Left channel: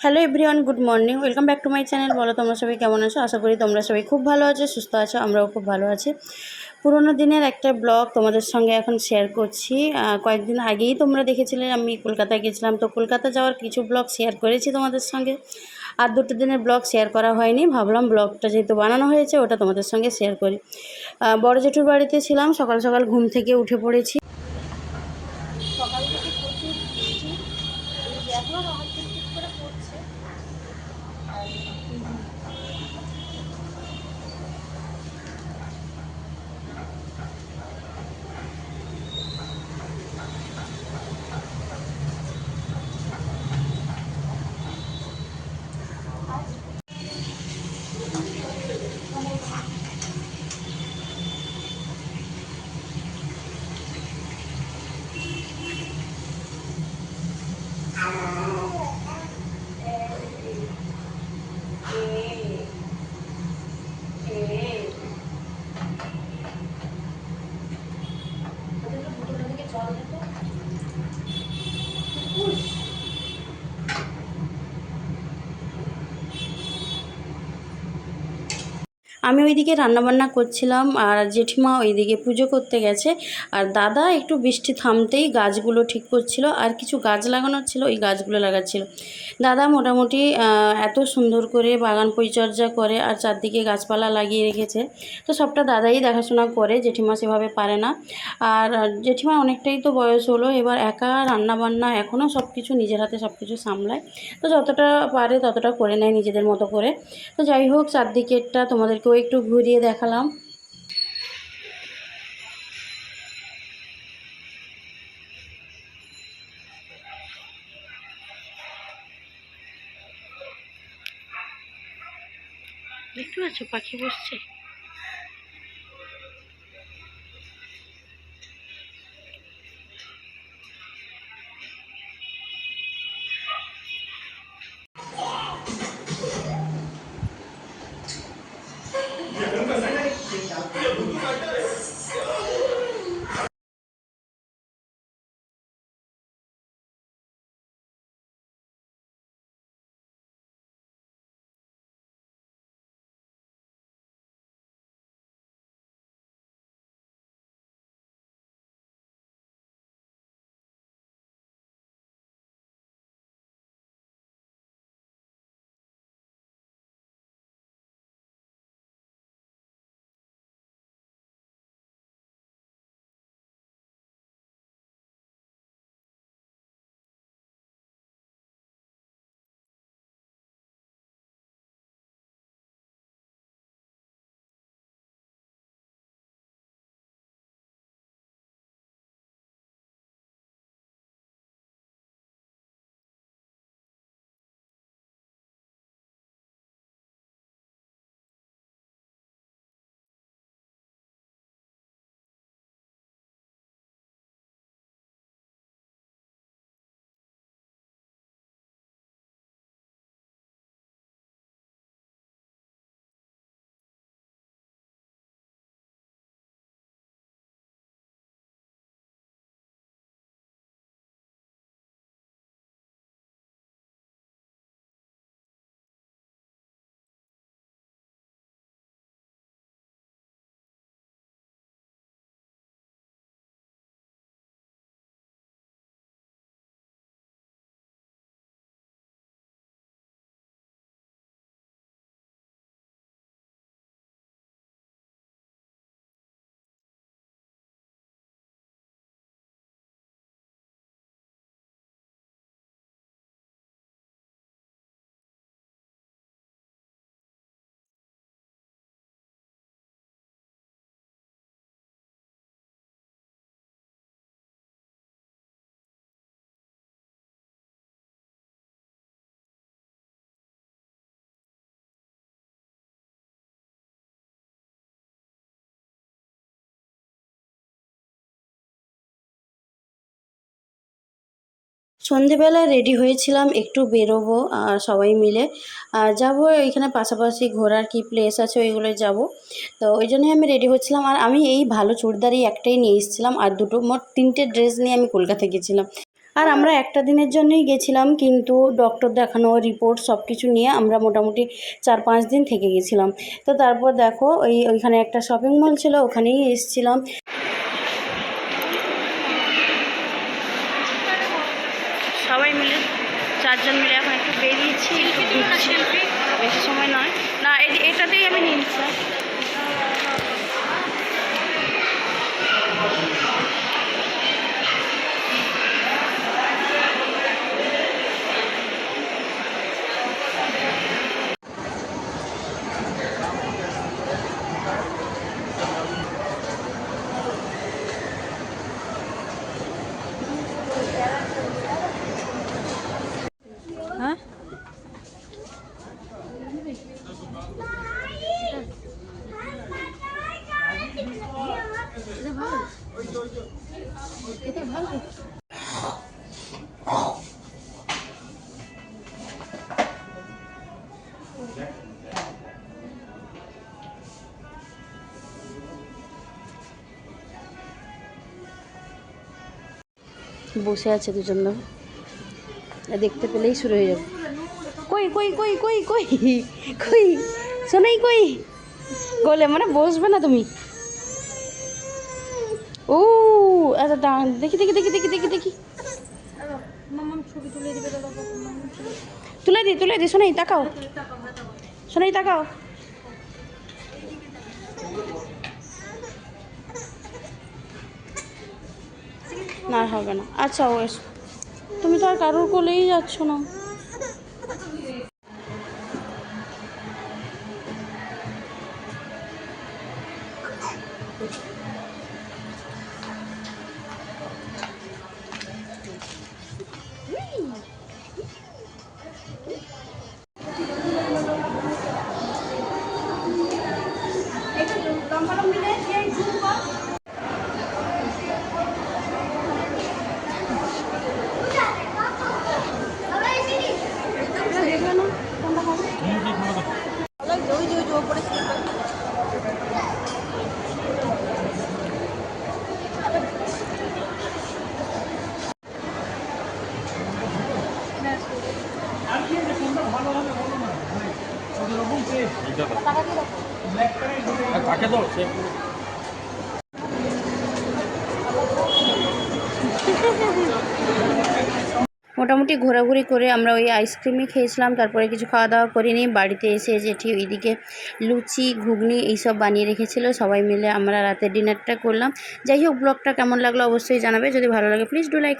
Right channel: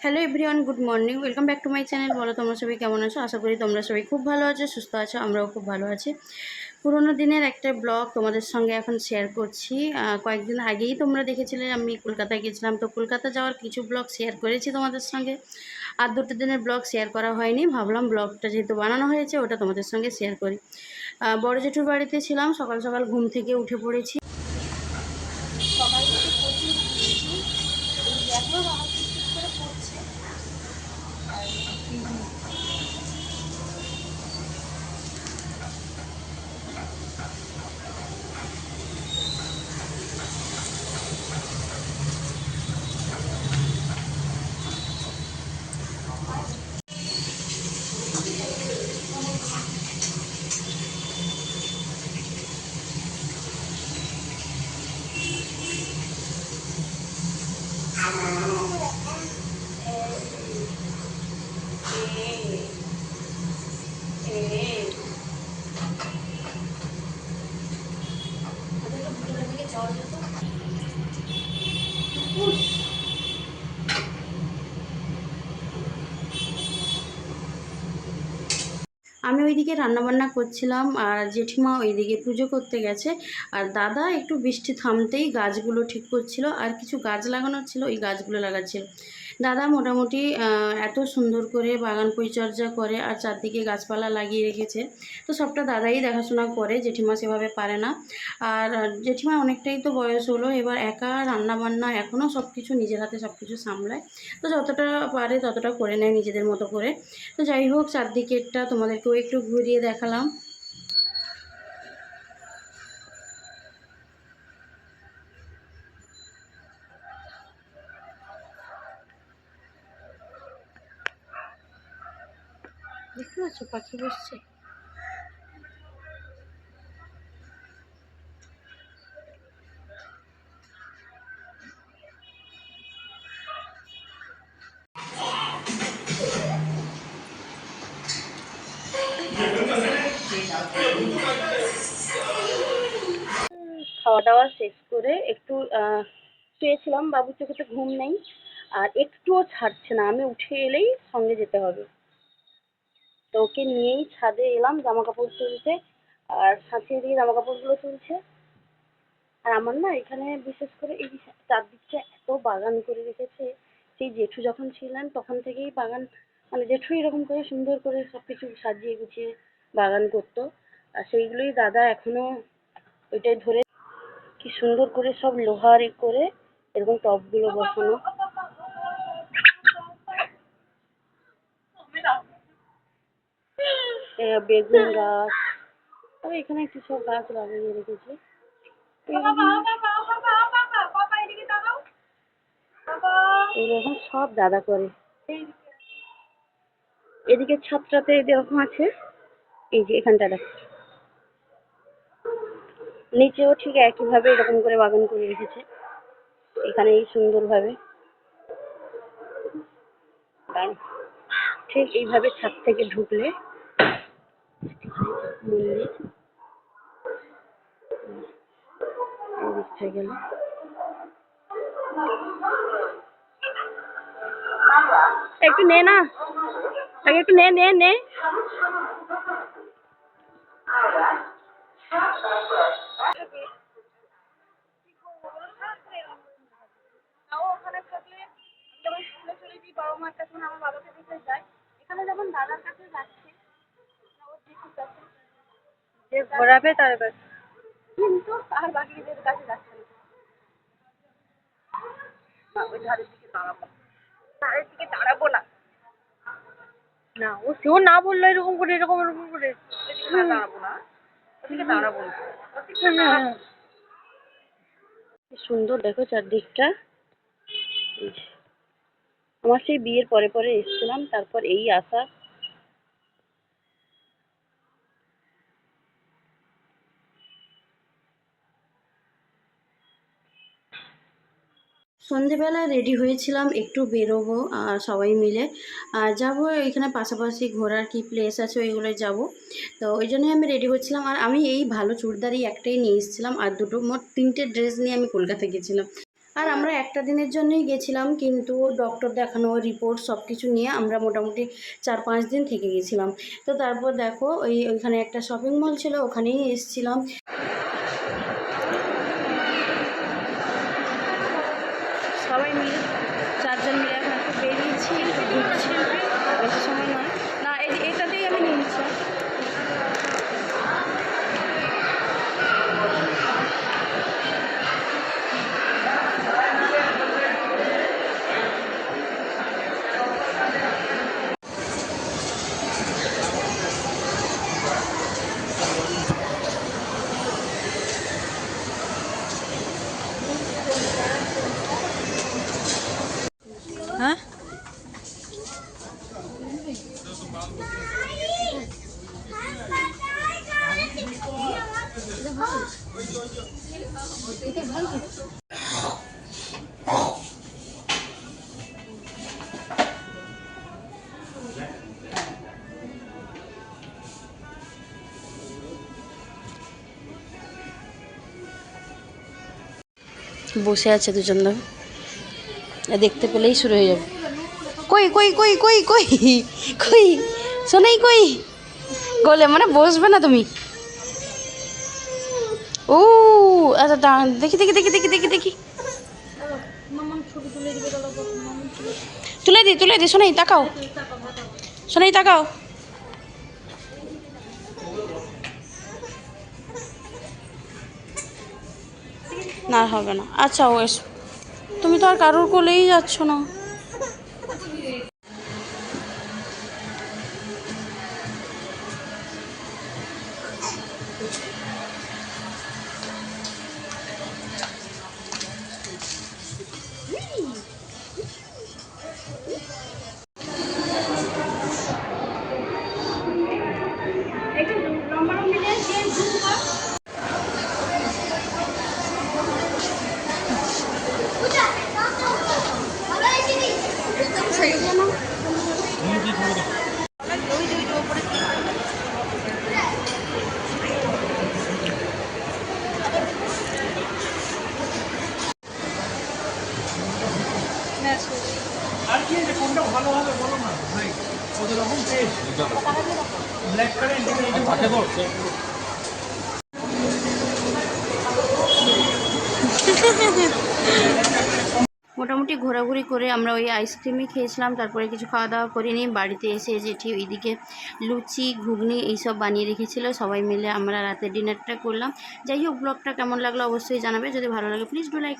Hello everyone, good morning. Welcome back to my channel. বলো, তোমরা সবাই কেমন আছো? আশা করি তোমরা সবাই খুব ভালো আছো, সুস্থ আছো, আমরাও খুব ভালো আছি। পুরোনো দিনের একটা ব্লগ তোমাদের সঙ্গে এখন শেয়ার করছি। কয়েকদিন আগেই তোমরা দেখেছিলে, আমি কলকাতায় গেছিলাম। তো কলকাতা যাওয়ার কিছু ব্লগ শেয়ার করেছি তোমাদের সঙ্গে। আর দুটো দিনের ব্লগ শেয়ার করা হয়নি। ভাবলাম ব্লগটা যেহেতু বানানো হয়েছে, ওটা তোমাদের সঙ্গে শেয়ার করি। বড় জেঠুর বাড়িতে ছিলাম, সকাল সকাল ঘুম থেকে উঠে পড়েছি। থেকে প্রচুর বৃষ্টি। এই দেখো আমার টিকটিক করে পড়ছে। আর Thank you. আমি ওইদিকে রান্নাবান্না করছিলাম আর জেঠিমা ওইদিকে পুজো করতে গেছে। আর দাদা একটু বৃষ্টি থামতেই গাছগুলো ঠিক করছিল আর কিছু গাছ লাগানোর ছিল, ওই গাছগুলো লাগাচ্ছিল। দাদা মোটামুটি এত সুন্দর করে বাগান পরিচর্যা করে আর চারদিকে গাছপালা লাগিয়ে রেখেছে। তো সবটা দাদাই দেখাশোনা করে, জেঠিমা সেভাবে পারে না। আর জেঠিমা অনেকটাই তো বয়স হলো, এবার একা রান্নাবান্না এখনও সব কিছু নিজের হাতে সব কিছু সামলায়। তো যতটা পারে ততটা করে নেয় নিজেদের মতো করে। তো যাই হোক, চারদিকেরটা তোমাদেরকেও একটু ঘুরিয়ে দেখালাম। দেখতে পাচ্ছ পাখি বসছে? খাওয়া শেষ করে একটু শুয়েছিলাম। বাবুর চোখে তো ঘুম নেই। আর একটুও ছাড়ছে না। আমি উঠে এলেই সঙ্গে যেতে হবে। তো ওকে নিয়েই ছাদে এলাম জামা কাপড় তুলতে। আর সাঁচিয়ে দিয়ে জামা কাপড়গুলো তুলছে। আর আমার না এখানে বিশেষ করে এই চারদিকটা এত বাগান করে রেখেছে। সেই জেঠু যখন ছিলেন, তখন থেকেই বাগান মানে জেঠু এরকম করে সুন্দর করে সব কিছু সাজিয়ে গুছিয়ে বাগান করতো। আর সেইগুলোই দাদা এখনও ওইটাই ধরে কি সুন্দর করে সব লোহার করে এরকম টবগুলো বসানো। বেগুন গাছ। তবে এখানে কি সব গাছ লাগিয়ে রেখেছে। এরকম সব দাদা করে। এদিকে ছাদটাতে এরকম আছে। এই যে এখানটা দেখো। নিচেও ঠিক একইভাবে এরকম করে বাগান করে রেখেছে। এখানে এই সুন্দরভাবে। ঠিক এইভাবে ছাদ থেকে ঢুকলে মন্দির একটু নে না। আগে একটু নে নে নে। যে ঘোরাবে তার কাছে কিন্তু আর বাকিদের কাছে যাচ্ছে না। না, ওই ধারের দিকে দাঁড়াবো ধারের দিকে দাঁড়াবো না। না ও সেও না বলল এরকম করে এরকম এরকম করে। দাঁড়াবো না। দাঁড়াবো না। কি সুন্দর দেখো চারদিকটা। আমার সেই বিয়ের পরে পরে এসেছিলাম তারপর এই আসা সন্ধেবেলা রেডি হয়েছিলাম, একটু বেরোবো, আর সবাই মিলে। আর যাব এখানে পাশাপাশি ঘোরার কি প্লেস আছে ওইগুলো যাব। তো ওই জন্যই আমি রেডি হচ্ছিলাম। আর আমি এই ভালো চুড়িদার একটাই নিয়ে এসেছিলাম, আর দুটো মোট তিনটে ড্রেস নিয়ে আমি কলকাতা গেছিলাম। আর আমরা একটা দিনের জন্যই গেছিলাম, কিন্তু ডক্টর দেখানো রিপোর্ট সব কিছু নিয়ে আমরা মোটামুটি চার পাঁচ দিন থেকে গেছিলাম। তো তারপর দেখো, ওই ওইখানে একটা শপিং মল ছিল, ওখানেই এসেছিলাম। সবাই মিলে চারজন মিলে এখন একটু বেরিয়েছি বেশি সময় নয়। না এটাতেই আমি নিয়ে হ্যাঁ? বসে আছে দুজন দেখতে পেলেই শুরু হয়ে যাবে। কই কই কই কই কই কই শোনাই কই? গলে মানে বসবে না তুমি? ও আচ্ছা দাঁড়ান, দেখি দেখি দেখি দেখি দেখি দেখি। তুলে দি তুলে দি শোনাই তাকাও। শোনাই তাকাও। না, হবে না। আচ্ছা ও এসো। তুমি তো আর কারোর কোলেই যাচ্ছ না। মোটামুটি ঘোরাঘুরি করে আমরা ওই আইসক্রিমই খেয়েছিলাম, তারপরে কিছু খাওয়া দাওয়া করিনি। বাড়িতে এসে জেঠি ওইদিকে লুচি, ঘুগনি এইসব বানিয়ে রেখেছিল। সবাই মিলে আমরা রাতের ডিনারটা করলাম। যাই হোক ব্লগটা কেমন লাগল অবশ্যই জানাবে। যদি ভালো লাগে প্লিজ ডু লাইক